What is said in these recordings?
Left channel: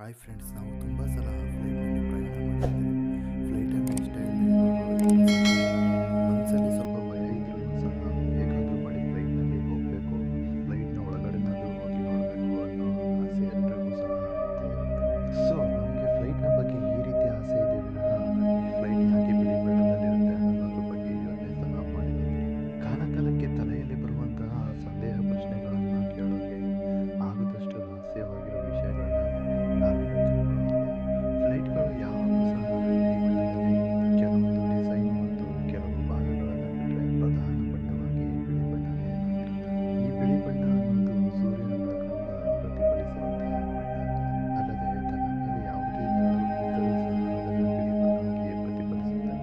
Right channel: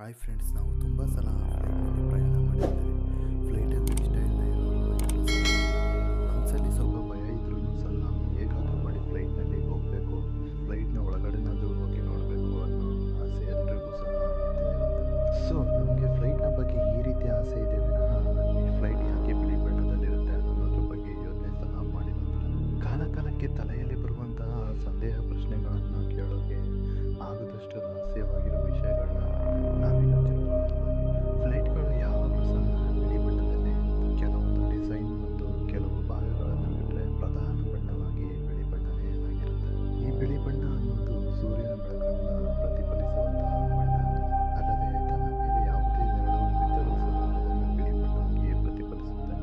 Hi friends, ನಾವು ತುಂಬ ಸಲ ಫ್ಲೈಟ್ನಲ್ಲಿ ಪ್ರಯಾಣ ಮಾಡಿದ್ದೇವೆ. ಫ್ಲೈಟ್ ಅಂದರೆ ಇಷ್ಟ ಇಲ್ಲದೆ ಇರೋರು ಯಾರೂ ಸಹ ಇಲ್ಲ. ಮನಸ್ಸಲ್ಲಿ ಸ್ವಲ್ಪ ಭಯ ಇದ್ರೂ ಸಹ ಹೇಗಾದರೂ ಮಾಡಿ ಫ್ಲೈಟ್ನಲ್ಲಿ ಹೋಗಬೇಕು, ಫ್ಲೈಟ್ನ ಒಳಗಡೆನಾದರೂ ಹೋಗಿ ನೋಡಬೇಕು ಅನ್ನೋ ಆಸೆ ಎಲ್ರಿಗೂ ಸಹ ಇದ್ದೇ ಇರುತ್ತೆ. ಸೊ ನಮಗೆ ಫ್ಲೈಟ್ನ ಬಗ್ಗೆ ಈ ರೀತಿ ಆಸೆ ಇದೆ ವಿನಃ ಈ ಫ್ಲೈಟ್ ಯಾಕೆ ಬಿಳಿ ಬಣ್ಣದಲ್ಲಿರುತ್ತೆ ಅನ್ನೋದ್ರ ಬಗ್ಗೆ ಯೋಚನೆ ಸಹ ಮಾಡಿರೋದಿಲ್ಲ. ಕಾಲಕಾಲಕ್ಕೆ ತಲೆಯಲ್ಲಿ ಬರುವಂತಹ ಸಂದೇಹ ಪ್ರಶ್ನೆಗಳನ್ನು ಕೇಳೋಕೆ ಆಗದಷ್ಟು ರಹಸ್ಯವಾಗಿರೋ ವಿಷಯಗಳನ್ನ ನಾವೀಗ ತಿಳ್ಕೊಳ್ಳೋಣ ಬನ್ನಿ. ಫ್ಲೈಟ್ಗಳು ಯಾವಾಗಲೂ ಸಹ ಬಿಳಿ ಬಣ್ಣದಲ್ಲೇ ಇರುತ್ತೆ. ಕೆಲವೊಂದು ಡಿಸೈನ್ ಮತ್ತು ಕೆಲವು ಭಾಗಗಳನ್ನು ಬಿಟ್ಟರೆ ಪ್ರಧಾನ ಬಣ್ಣವಾಗಿ ಬಿಳಿ ಬಣ್ಣನೇ ಆಗಿರುತ್ತೆ. ಈ ಬಿಳಿ ಬಣ್ಣ ಅನ್ನೋದು ಸೂರ್ಯನ ಬೆಳಕನ್ನು ಪ್ರತಿಫಲಿಸುವಂತಹ ಬಣ್ಣ ಅಲ್ಲದೆ ತನ್ನ ಮೇಲೆ ಯಾವುದೇ ನೆರಳು ಬಿದ್ದರೂ ಸಹ ಅದನ್ನು ಬಿಳಿ ಬಣ್ಣವಾಗಿ ಪ್ರತಿಫಲಿಸುತ್ತೆ.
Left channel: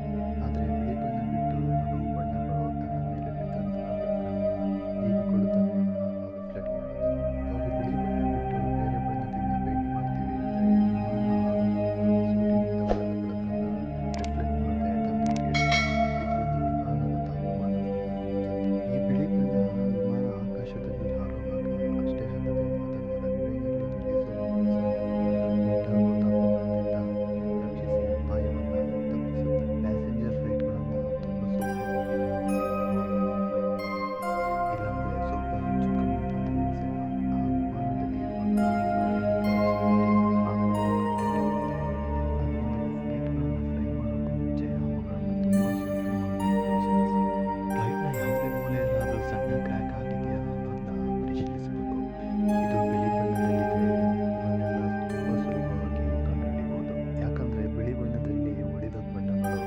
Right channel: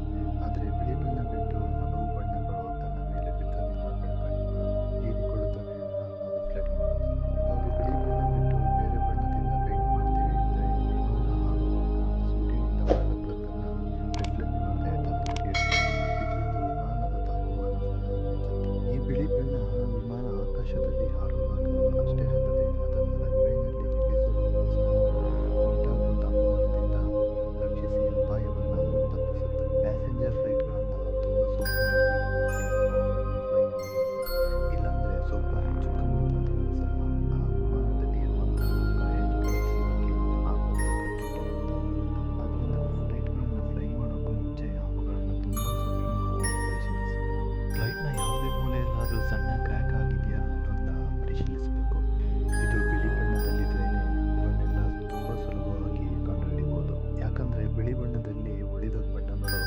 ಆದರೆ ಬಿಳಿ ಬಣ್ಣ ಬಿಟ್ಟು ಹಲವು ಬಣ್ಣಗಳು ತನ್ನ ಮೇಲೆ ಬಿದ್ದಂತಹ ಬೆಳಕನ್ನು ಹೀರಿಕೊಳ್ಳುತ್ತವೆ ವಿನಃ ರಿಫ್ಲೆಕ್ಟ್ ಮಾಡೋದಿಲ್ಲ. ಇವಾಗ ಬಿಳಿ ಬಣ್ಣ ಬಿಟ್ಟು ಬೇರೆ ಬಣ್ಣದಿಂದ ಪೇಂಟ್ ಮಾಡ್ತೀವಿ ಅಂದರೆ ವಿಮಾನ ಹಾರುವಾಗ ಸೂರ್ಯನಿಂದ ಬರದ ಬೆಳಕನ್ನು ರಿಫ್ಲೆಕ್ಟ್ ಮಾಡದೆ ತನ್ನ ಮೇಲೆ ಇಳಿಸುತ್ತೆ. ಇದರಿಂದ ವಿಮಾನದ ತಾಪಮಾನ ಸಹ ಹೆಚ್ಚುತ್ತೆ. ಈ ಬಿಳಿ ಬಣ್ಣ ವಿಮಾನ ಆಕಾಶದಲ್ಲಿ ಹಾರುವಾಗ ಅಷ್ಟೇ ಅಲ್ಲದೆ ಅದನ್ನು ರನ್ವೇನಲ್ಲಿ ನಿಲ್ಲಿಸುವಾಗಲೂ ಸಹ ಉಂಟಾಗುವ ತಾಪಮಾನದಿಂದ ರಕ್ಷಿಸಿ ಅಪಾಯವನ್ನು ತಪ್ಪಿಸುತ್ತೆ. ಪ್ಯಾಸೆಂಜರ್ ಫ್ಲೈಟ್ಗಳನ್ನು ತುಂಬ ಸೂಕ್ಷ್ಮವಾಗಿ ಗಮನಿಸಿ ಅವುಗಳನ್ನು ಫ್ಲೈ ಮಾಡಬೇಕು. ಇಲ್ಲಾಂದರೆ ಸ್ವಲ್ಪ ಹೆಚ್ಚು ಕಮ್ಮಿ ಆದರೂ ಸಹ ಆ ವಿಮಾನದಲ್ಲಿ ಇರುವಂತಹ ಪ್ರಯಾಣಿಕರ ಜೀವಕ್ಕೆ ಆಪತ್ತು ಕಟ್ಟಿಟ್ಟಂತೆ. ಆದ್ದರಿಂದ ಫ್ಲೈಟ್ಗಳನ್ನು ಫ್ಲೈ ಮಾಡೋಕ್ಕೂ ಮುಂಚೆ ಅವುಗಳನ್ನು ತುಂಬ ಸೂಕ್ಷ್ಮವಾಗಿ ಪರಿಶೀಲಿಸಬೇಕು. ಫ್ಲೈಟ್ನ ಯಾವುದೇ ಮೂಲೆಯಲ್ಲಾದರೂ ಸಣ್ಣ ಕ್ರ್ಯಾಕ್ ಆಗಿದೆಯಾ ಅನ್ನೋದನ್ನ ಪರಿಶೀಲಿಸಬೇಕು. ಇದು ಬಿಳಿ ಬಣ್ಣದಲ್ಲಿದ್ದರೆ ಇವನ್ನೆಲ್ಲ ತುಂಬ ಸುಲಭವಾಗಿ ಕಂಡುಹಿಡಿಬಹುದು. ಯಾಕಂದರೆ ಬಿಳಿ ಬಣ್ಣದಲ್ಲಿ ಉಳಿದ ಬಣ್ಣಗಳು